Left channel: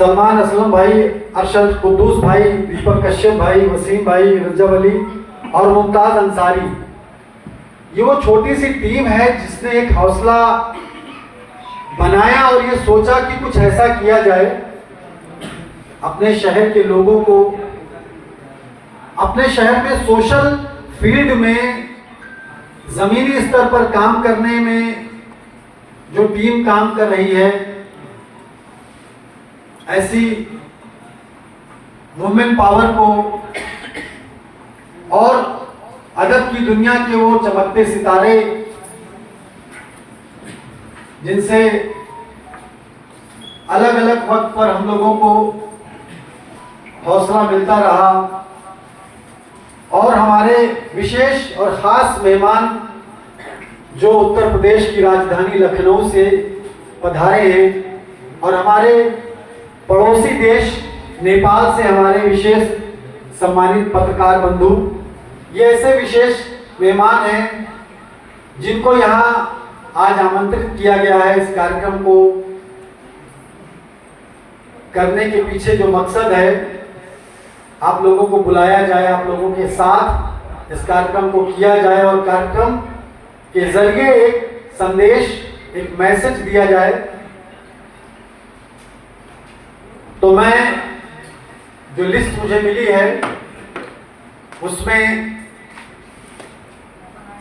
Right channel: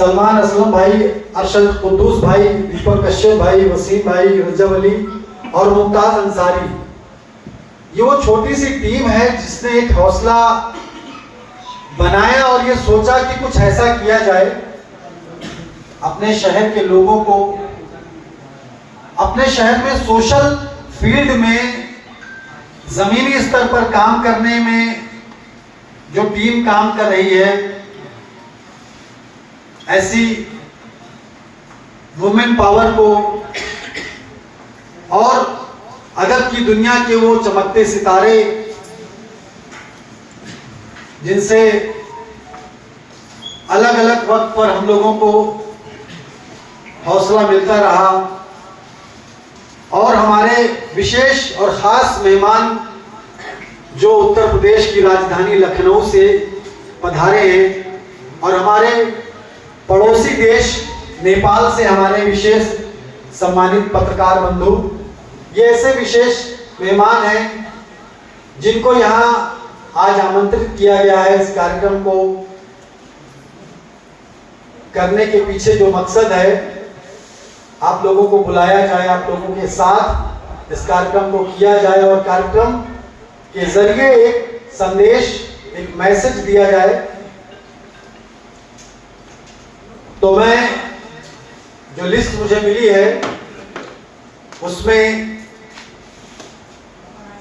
सलमान असलम भाई, अरशद कुद्दूस भाई, दीपक कश्यप भाई, वसीम भाई, रजब अली और मुमताज अंसारी। ये वो छोटी सी टीम है जिसने एक हौसला बनाया और ये सोचा कि कुछ ऐसा किया जाए अपने शहर के लोगों को, अपने शहर में सोशल फील्ड में जमीनी स्तर पर काम करने में जो टीम काम कर रही है, ऐसी वुमेन पावर को और अदब की दुनिया के वो चमकते सितारे जिनसे अलग अलग वक्त पर हम लोगों को हौसला मिलता रहा, और हमारे विशेष और खास मेहमान जो उत्तर प्रदेश की राजधानी लखनऊ से पधारे हैं और हमारे पड़ोसी देश नेपाल से हमारे विशेष सम्मानित पत्रकार बंधु, ये ऐसे विशेष मेहमान हैं जिनको यहाँ आज आमंत्रित किया गया है। इस कार्यक्रम को करने के पीछे जो मकसद है, आप लोगों को बुलाया जाए, आप लोगों के साथ इस कार्यक्रम को किया जाए और कार्यक्रम के जरिए एक संदेश, एक मैसेज दिया जाए। तो मैं जो लिस्ट मुझे मिली है उसमें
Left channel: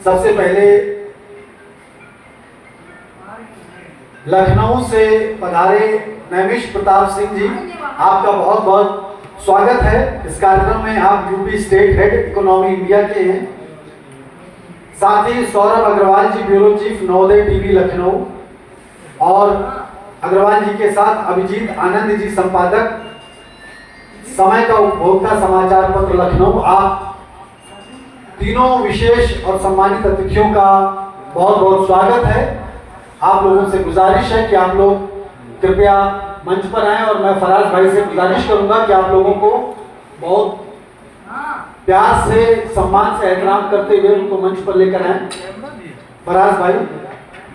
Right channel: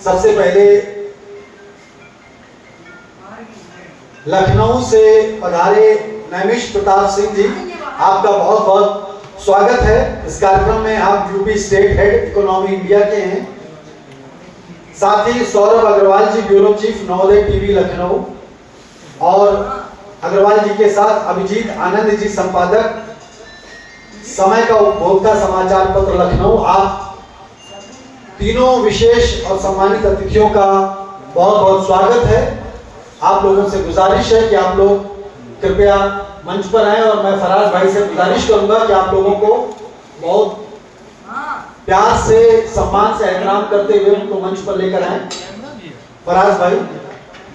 सबसे पहले लखनऊ से पधारे नैमिष प्रताप सिंह जी, आपका बहुत बहुत स्वागत है इस कार्यक्रम में। आप UP state head Economy India के हैं। साथ ही Saurabh Agarwal ji, bureau chief Navodaya TV Lucknow, और अग्रवाल जी के साथ अभिजीत आनंद जी, संपादक समय का उपभोक्ता समाचार पत्र लखनऊ। आप तीनों विशेष और सम्मानित अतिथियों का बहुत बहुत स्वागत है। आप लोगों से गुजारिश है कि आप लोग कृपया मंच पर आएं, और मैं फराज भाई से गुजारिश करूंगा कि आप लोगों को बहुत प्यार से, सम्मान से, एहतराम करते हुए उनको मंच पर लेकर आएं, फराज भाई।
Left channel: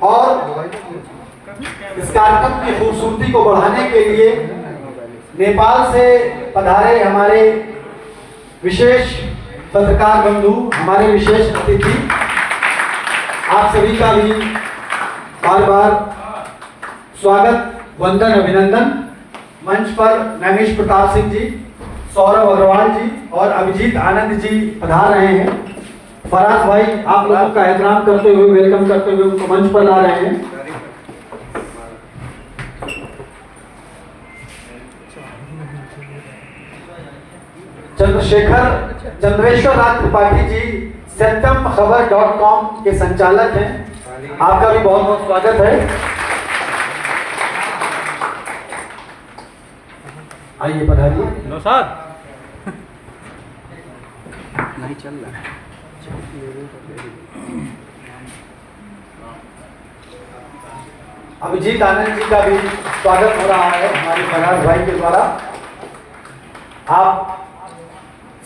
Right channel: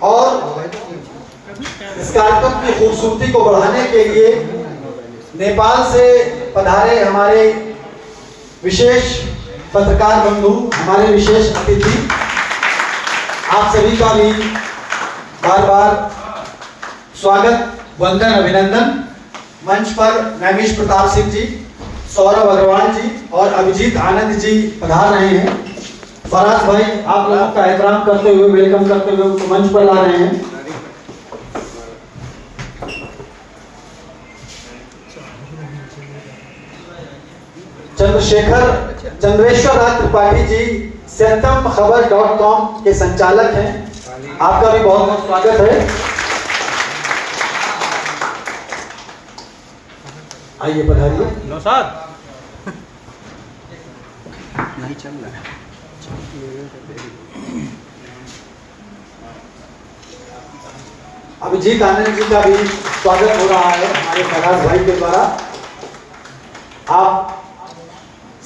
और इस कार्यक्रम की खूबसूरती को बढ़ाने के लिए नेपाल से पधारे हमारे विशेष पत्रकार बंधु, हमारे विशेष अतिथि, आप सभी का भी बार बार स्वागत, वंदन, अभिनंदन। मंच पर नैमिष प्रताप सिंह जी, सौरभ अग्रवाल जी और अभिजीत आनंद जी पधार रहे हैं। फराज भाई आप लोगों का एहतराम करते हुए, वेलकम करते हुए उनको मंच पर ला रहे हैं। चंद्रेश्वर राज त्रिपाठी जी सत्यमखबर.com के संचालक हैं, आपका भी बहुत बहुत स्वागत है। आइए पधारिए। नहीं चल रहा है। अभिजीत आनंद जी का भी स्वागत हो रहा है हमारे फराज भाई के द्वारा। आप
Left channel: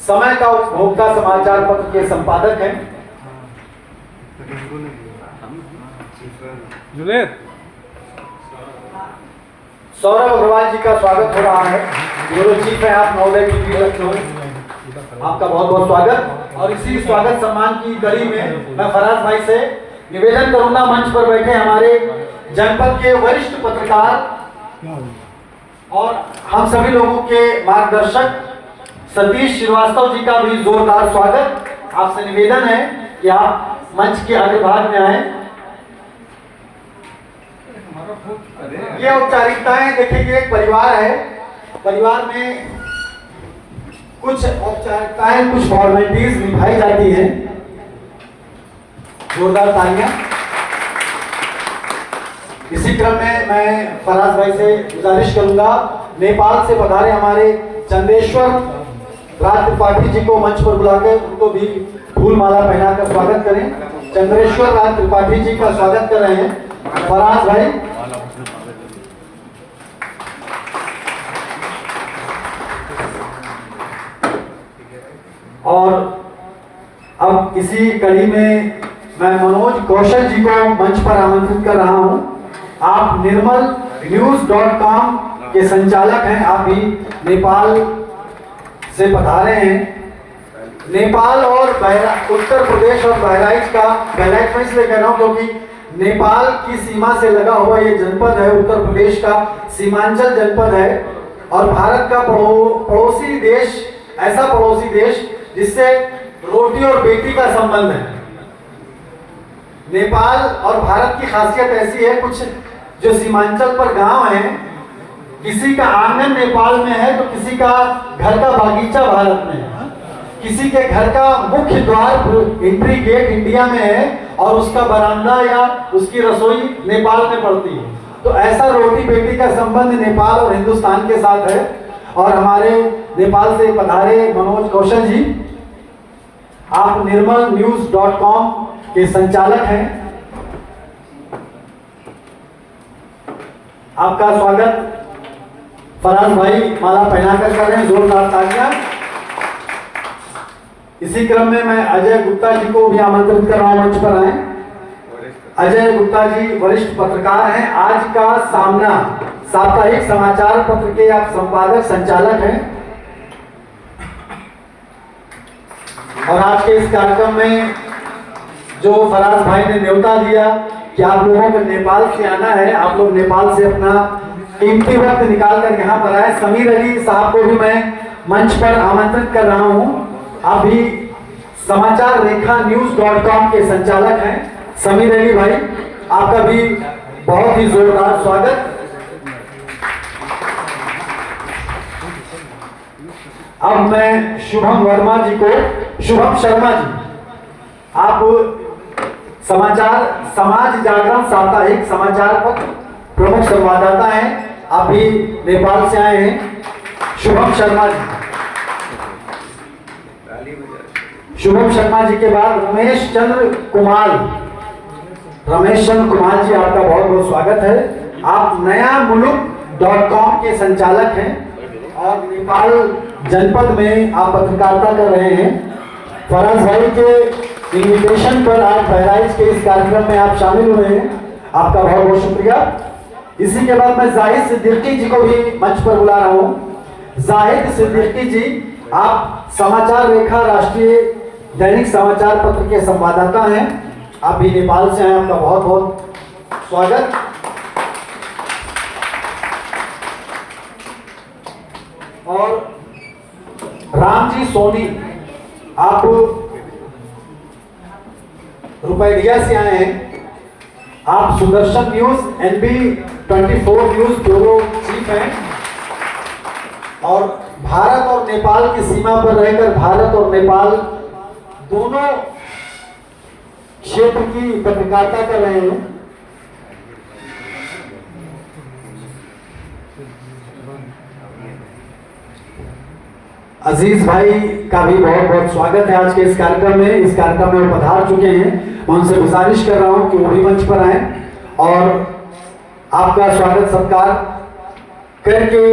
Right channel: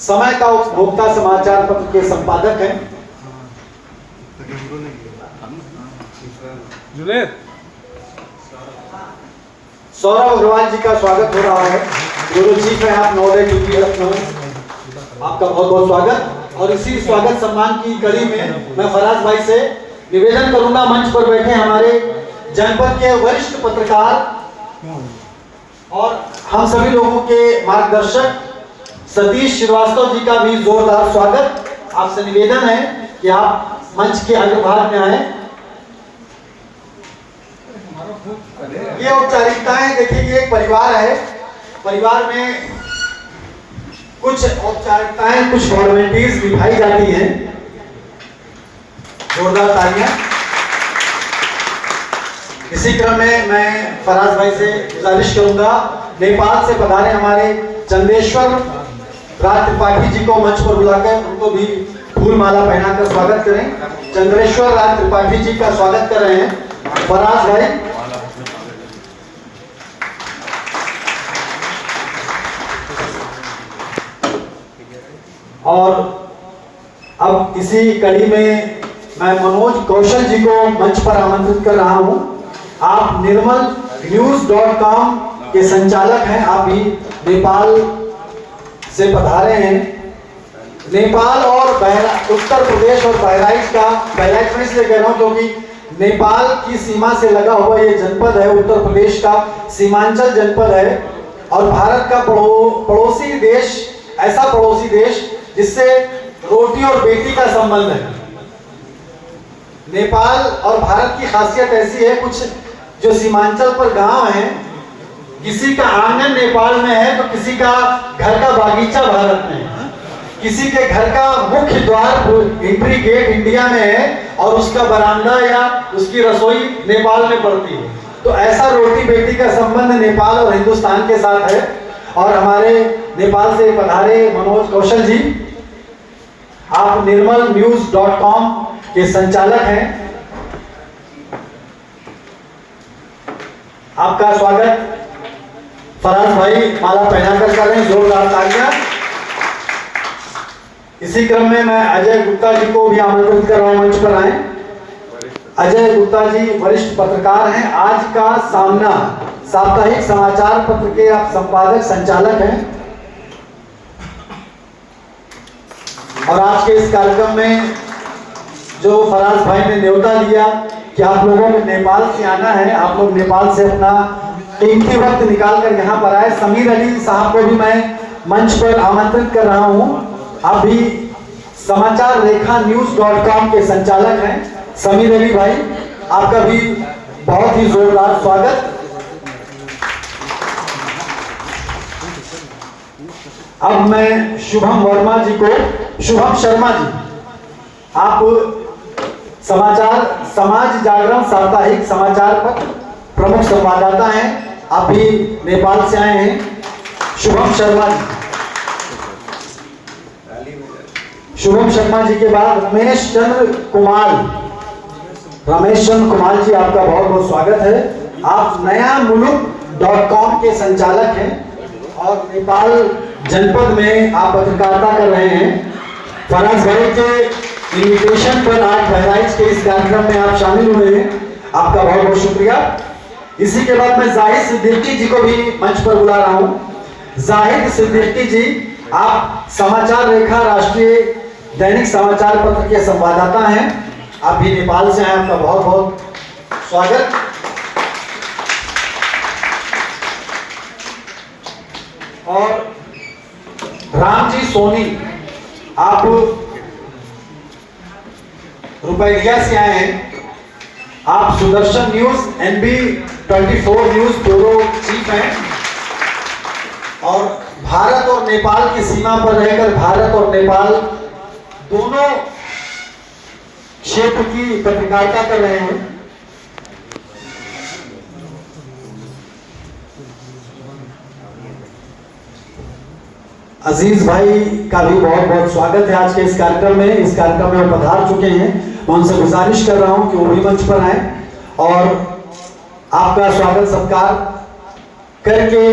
समय का उपभोक्ता समाचार पत्र के संपादक हैं। सौरभ अग्रवाल जी का स्वागत हो रहा है, ब्यूरो चीफ है आप नवोदय टीवी लखनऊ, आपका बहुत बहुत स्वागत। और इसी स्वागत सम्मान की कड़ी में मैं फराज भाई से निवेदन करूंगा, मंच पर बैठे हमारे जनपद के वरिष्ठ पत्रकार और हम सभी लोगों के मार्गदर्शक सतीश श्रीवास्तव जी का भी जोरदार स्वागत। आपसे निवेदन है कि आप मंच के आगे भाग में आए। ये औपचारिकताएं, देखिए कि एक परिवार है, परिवार में कुछ औपचारिकताएं, कुछ फॉर्मेलिटीज निभाई जाती हैं। जोरदार तालियां। इसी क्रम में मैं फराज भाई से गुजारिश करूंगा, नेपाल से पधारे हमारे चंदेश्वर राज त्रिपाठी जी को मंच पर बुलाकर उनको भी फूल माला पहनाकर स्वागत करें। चंद्रेश्वर राज त्रिपाठी जी का स्वागत कर रहे हैं फराज भाई। और अब इसी कड़ी में मैं मनोज कौशल जी को मंच पर आमंत्रित कर रहा हूं। आप निर्मल न्यूज.com के संचालक हैं, आप भी नेपाल से पधारे हैं। नेपाल और उत्तर प्रदेश और बहराइच में इसलिए कह रहा हूँ क्योंकि नेपाल की सीमा से लगा हुआ ये जनपद है, उत्तर प्रदेश का सीमांचल जनपद है और भारत का पड़ोसी देश, ऐसा पड़ोसी देश जिससे रोटी और बेटी का संबंध है। नेपाल और भारत की खासियत ऐसी है, कुछ जो सीमांचल पर गांव हैं, किसी का आंगन नेपाल में है तो किसी का घर का बागीचा भारत में है, किसी के घर का मुख्य द्वार एंट्री गेट इंडिया में है और उसका बरामदा या उसकी रसोई नेपाल में पड़ती है। तो ऐसा रोटी बेटी का संबंध नेपाल और हिंदुस्तान के साथ है। और हमारे नेपाल से पधारे मनोज कौशल जी, आप nirmalnews.com के संचालक हैं। आपका स्वागत फराज भाई माला पहनाकर कर रहे हैं, जोरदार तालियां। इसी क्रम में मैं अजय गुप्ता जी को भी आमंत्रित कर रहा हूं, मंच पर आए। अजय गुप्ता जी वरिष्ठ पत्रकार हैं, आज का सामना साप्ताहिक समाचार पत्र के आप संपादक संचालक हैं और आज के इस कार्यक्रम में जो फराज भाई ने न्योता दिया कि आप लोगों को नेपाल से आना है, आप लोग नेपाल से अपना कीमती वक्त निकाल कर यहाँ पर आए। समीर अली साहब को भी मैं मंच पर आमंत्रित कर रहा हूँ, आप भी समाचार रेखा न्यूज.com के संचालक हैं। समीर अली भाई, आपका भी बहुत ही जोरदार स्वागत। अब मैं शुभम शर्मा जी, आप समाज जागरण साप्ताहिक समाचार पत्र प्रमुख संवाददाता हैं, आप भी नेपाल से आए हैं। शुभम शर्मा जी के बाद रमेश चंद्र कुमार जी, आपका बहुत बहुत स्वागत है। आप नया मुलुक.com के संचालक हैं और नेपाल जनपद में आप पत्रकारिता कर रहे हैं। फराज भाई के इन्विटेशन पर आज बहराइच के इस कार्यक्रम में आप शामिल हुए हैं, आपका बहुत बहुत शुक्रिया। इसी के बाद मैं जाहिद सिद्दीकी जी को भी मंच पर बुला रहा हूँ। जाहिद सिद्दीकी जी, आप समाचार रेखा राष्ट्रीय दैनिक समाचार पत्र के संवाददाता हैं, आप भी नेपाल से आए, आपका बहुत बहुत स्वागत। और रामजी सोनी, आप रुपैया से आए हैं, आप Sudarshan news NB24 news bureau chief हैं और भारत और नेपाल की सीमा पर रहकर भारत और नेपाल दोनों क्षेत्र की पत्रकारिता कर रहे हैं। अजीज भाई का भी बहुत बहुत स्वागत है आज के इस कार्यक्रम में। इस कार्यक्रम में पधार चुके हैं, मैं उनसे गुजारिश कर रहा हूं कि वो भी मंच पर आए और आपका स्वागत सत्कार करके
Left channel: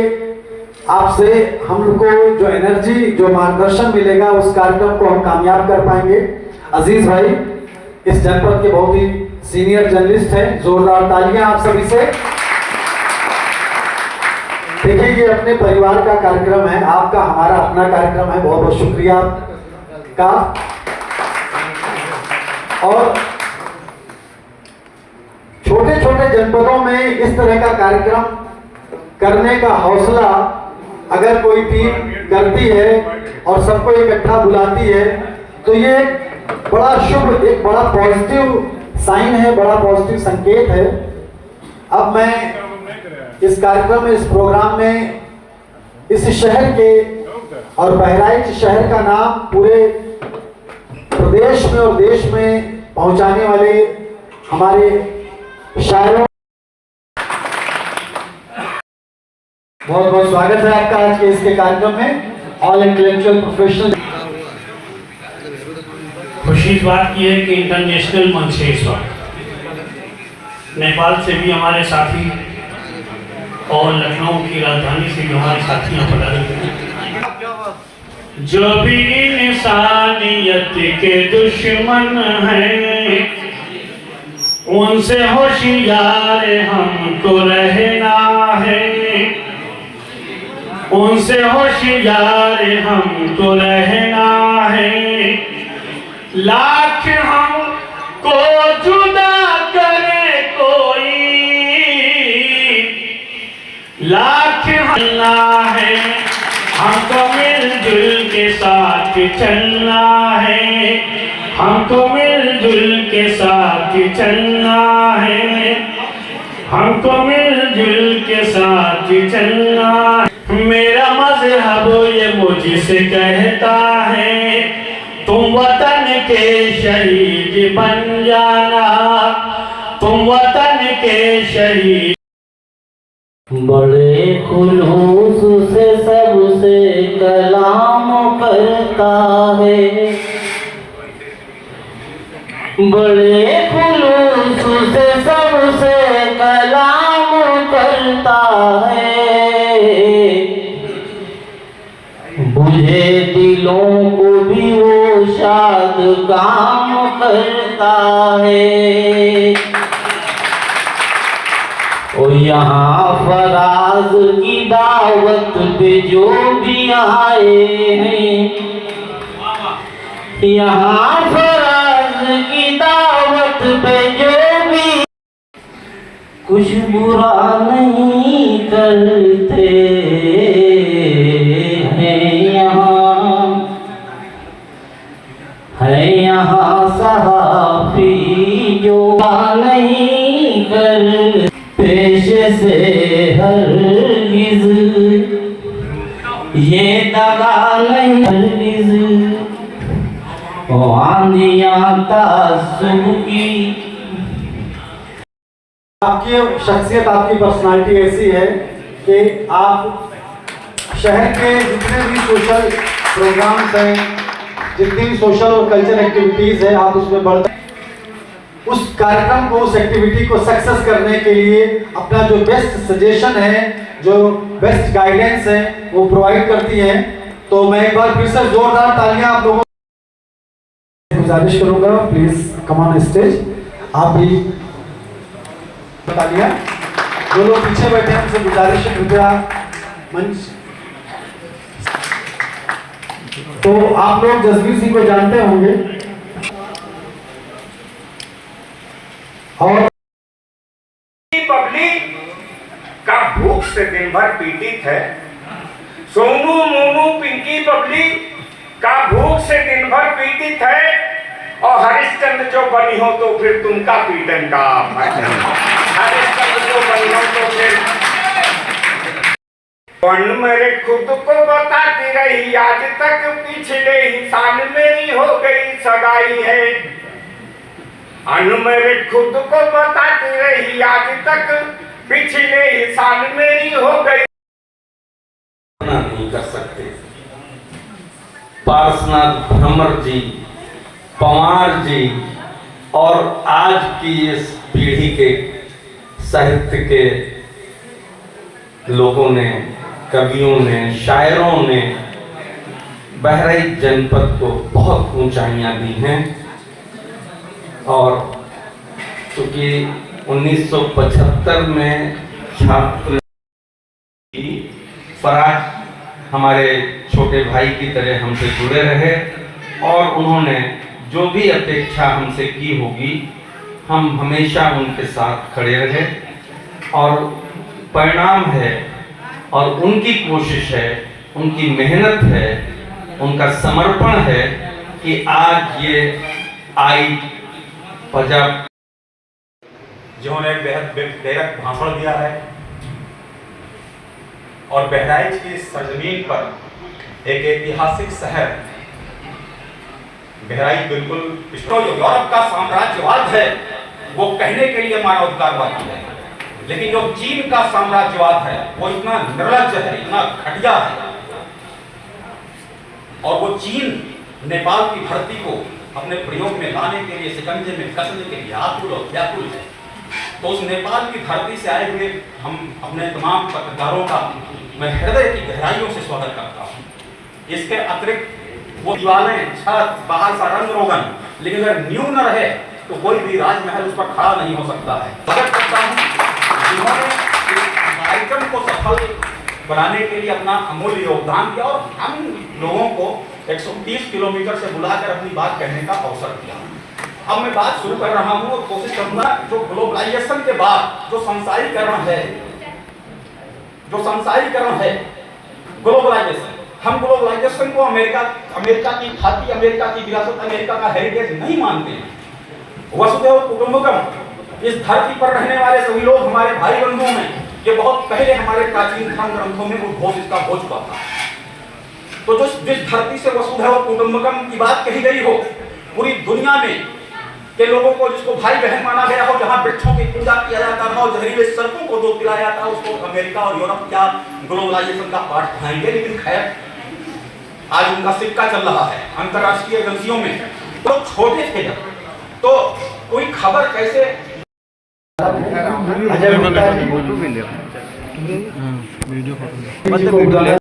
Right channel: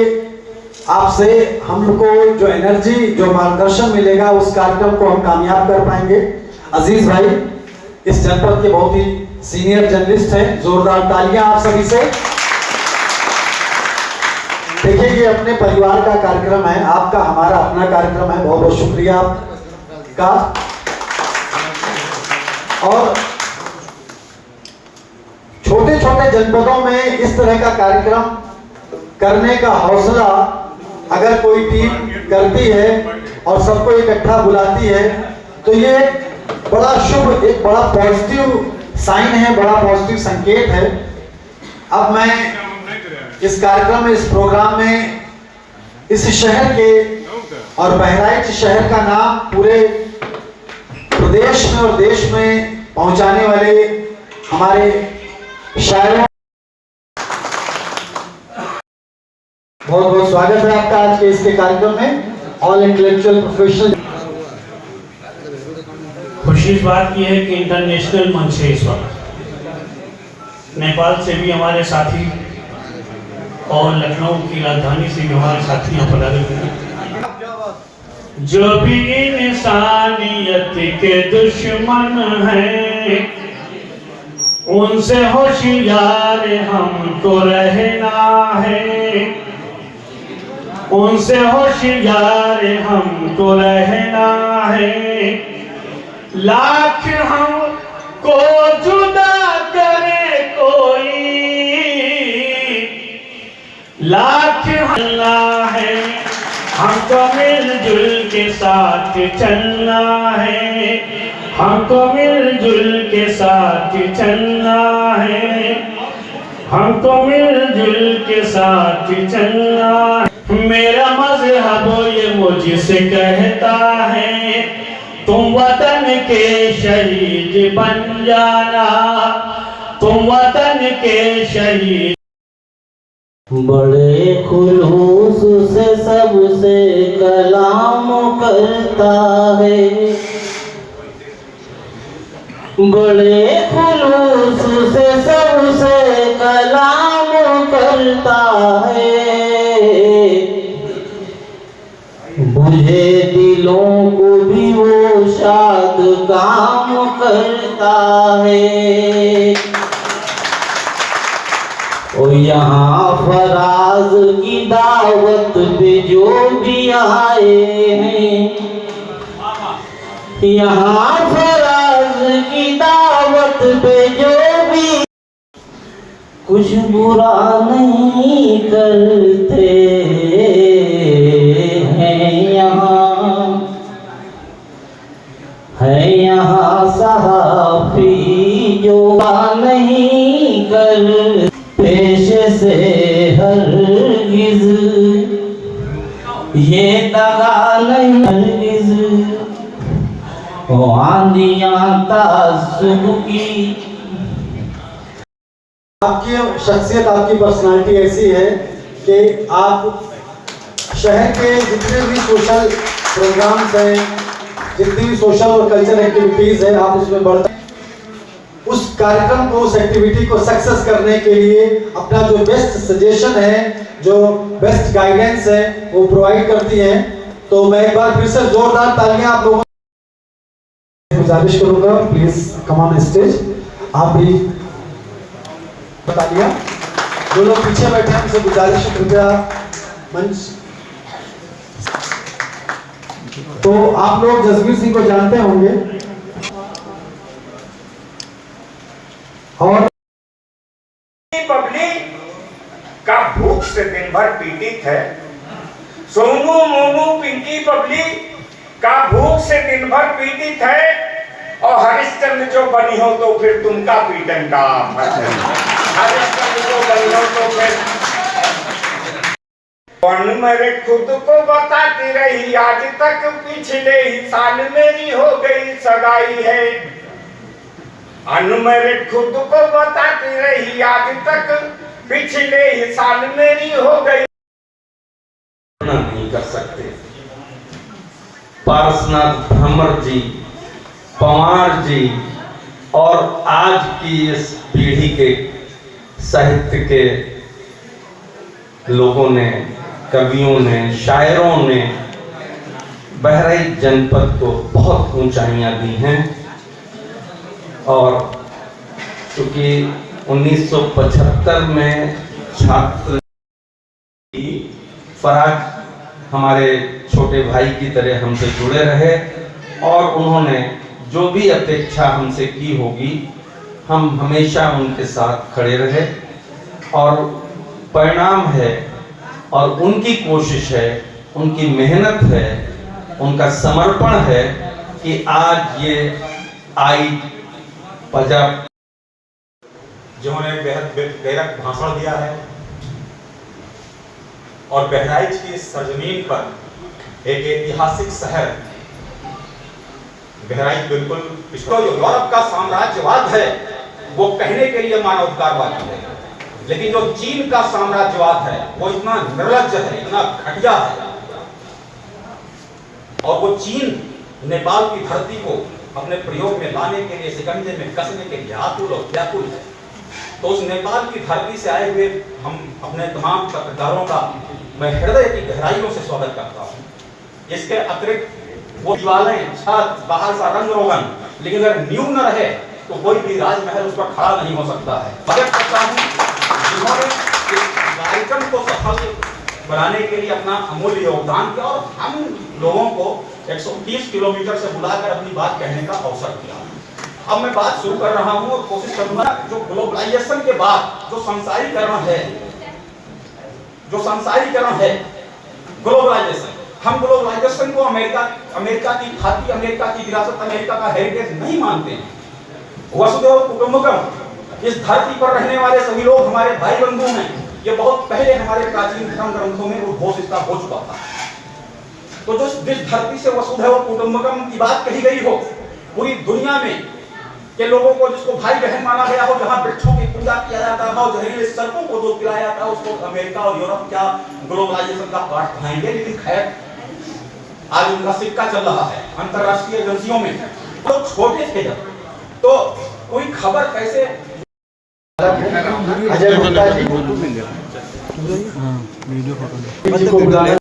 आपसे हम लोग को जो एनर्जी, जो मार्गदर्शन मिलेगा, उस कार्यक्रम को हम कामयाब कर पाएंगे। अजीज भाई इस जनपद के बहुत ही सीनियर जर्नलिस्ट हैं, जोरदार तालियां आप सभी से। देखिए, ये अपने परिवार का कार्यक्रम है, आपका हमारा अपना कार्यक्रम है, बहुत बहुत शुक्रिया आपका। और छोटे छोटे जनपदों में इस तरह का कार्यक्रम करने का हौसला अगर कोई टीम करती है और सबको इकट्ठा बुलाती है तो ये बड़ा शुभ, एक बड़ा पॉजिटिव साइन है, बड़ा पॉजिटिव संकेत है। अब मैं इस कार्यक्रम में, इस प्रोग्राम में इस शहर के और बहराइच शहर का नाम पूरे प्रदेश में और देश में पहुंचाने वाले हमारे शायरों, बहुत बहुत स्वागत है आपका आज के इसके कार्यक्रम में। ऑल इंटेलेक्चुअल प्रोफेशनल, खुशी इस बात की है कि इंटरनेशनल मंच से इस वक्त नेपाल से भी हमारे साथी और लखनऊ की राजधानी से भी हमारे साथी यहाँ पधारे हुए हैं। जो भी इंसानियत के दुश्मन हैं उनसे होशियार हमको रहना है। उनसे होशियार हम तो रहना है, लाख हमको जुदा करे कोई, लाख चलना है, हमको मिलजुल के साथ चलना है, हमको मिलजुल के साथ चलना है, हमको मिलजुल के साथ चलना है। मेरा मजहब ये मुझसे कहता है, तुम वतन के शहीद बन जाना, तुम वतन के शहीद। बड़े खुलूस से सबसे कलाम करता है, बड़े खुलूस से सबसे कलाम करता है, बुझे दिलों को भी वो शाद काम करता है। ओ यहाँ फराज की दावत पे जो भी आए हैं, यहाँ फराज की दावत पे जो भी कुछ बुरा नहीं करते हैं, यहाँ सहाफी जो नहीं कर पेशे से हरगिज ये दगा नहीं हरगिज, आंधियां ताज्जुब की। आपकी शख्सियत, आपकी पर्सनालिटी ऐसी है कि आप शहर के जितने भी सोशल प्रोग्राम्स हैं, जितनी भी सोशल और कल्चर एक्टिविटीज है, आप उसमें बढ़ते, उस कार्यक्रम को, उस एक्टिविटी को सक्सेस करने के लिए अपना जो बेस्ट सजेशन है, जो बेस्ट गाइडेंस है, वो प्रोवाइड करती हैं। तो मैं एक बार फिर से जोरदार तालियां आप लोगों को गुजारिश करूंगा, प्लीज कम ऑन स्टेज। आप भी तालियां, जो लोग पीछे बैठे हैं उनसे गुजारिश है कृपया मंच। तो आप लोग जसबीर सिंह को जानते होंगे और पब्लिक का भूख से दिन भर पीड़ित है। सोनू मोनू पिंकी पब्लिक का भूख से दिन भर पीड़ित है, और हरिश्चंद्र जो बनी हो तो फिर तुमका पीड़न का हरिश्चंद्र जो बनी हो तो फिर मेरे खुद को बताती रही, आज तक पिछले ही साल मेरी हो गई सगाई है। मेरे खुद को बताती रही, आज तक पिछले ही साल मेरी हो गई। नहीं कर सकते। पारसनाथ भ्रमर जी, पंवार जी और आज की इस पीढ़ी के साहित्य के लोगों ने, कवियों ने, शायरों ने बहराइच जनपद को बहुत ऊंचाइयां दी हैं। और क्योंकि 1975 में छात्र फराज हमारे छोटे भाई की तरह हमसे जुड़े रहे, और उन्होंने जो भी अपेक्षा हमसे की होगी, हम हमेशा उनके साथ खड़े रहे, और परिणाम है, और उनकी कोशिश है, उनकी मेहनत है, उनका समर्पण है कि आज ये आई पंजाब जिन्होंने बेहद भाषण दिया है, और बहराइच की सरजमीन पर एक ऐतिहासिक शहर बहराइच बिल्कुल जो यूरोप का साम्राज्यवाद है वो कहने के लिए मानवाधिकारवादी है, लेकिन जो चीन का साम्राज्यवाद है वो इतना निर्लज्ज है, इतना घटिया है, और वो चीन नेपाल की धरती को अपने प्रयोग में लाने के लिए, शिकंजे में कसने के लिए आतुर और व्याकुल है। तो उस नेपाल की धरती से आए हुए हम अपने तमाम पत्रकारों का मैं हृदय की गहराइयों से स्वागत करता हूँ। इसके अतिरिक्त वो दीवारें, छत, बाहर सा रंग रोगन, लेकिन अगर नींव न रहे तो कोई भी राजमहल उस पर खड़ा नहीं हो सकता है। स्वागत करता हूँ जिन्होंने कार्यक्रम को सफल बनाने के लिए अपना अमूल्य योगदान दिया और हम लोगों को 130 किलोमीटर से बुलाकर अपनी बात कहने का अवसर दिया। अब मैं बात शुरू कर रहा हूं और कोशिश करूंगा जो ग्लोबलाइजेशन के बाद जो संसारीकरण है ग्लोबलाइजेशन, हम ग्लोबलाइजेशन को अमेरिका की खाती, अमेरिका की विरासत, अमेरिका का हेरिटेज नहीं मानते हैं। वसुधैव कुटुंबकम, इस धरती पर रहने वाले सभी लोग हमारे भाई बंधु हैं, ये बहुत पहले हमारे प्राचीन धर्म ग्रंथों में उद्घोष इसका हो चुका था। तो जिस धरती से वसुधैव कुटुंबकम की बात कही गई हो, पूरी दुनिया में के लोगों को जिसको भाई बहन माना गया हो, जहां वृक्षों की पूजा किया जाता था, जहरीले सर्पों को दूध पिलाया जाता, उसको अमेरिका और यूरोप क्या ग्लोबलाइजेशन का पार्ट कहेंगे। लेकिन खैर आज उनका सिक्का चल रहा है अंतरराष्ट्रीय एजेंसियों में। तो छोटे थे जब, तो कोई खबर कैसे अजय गुप्ता जी वीडियो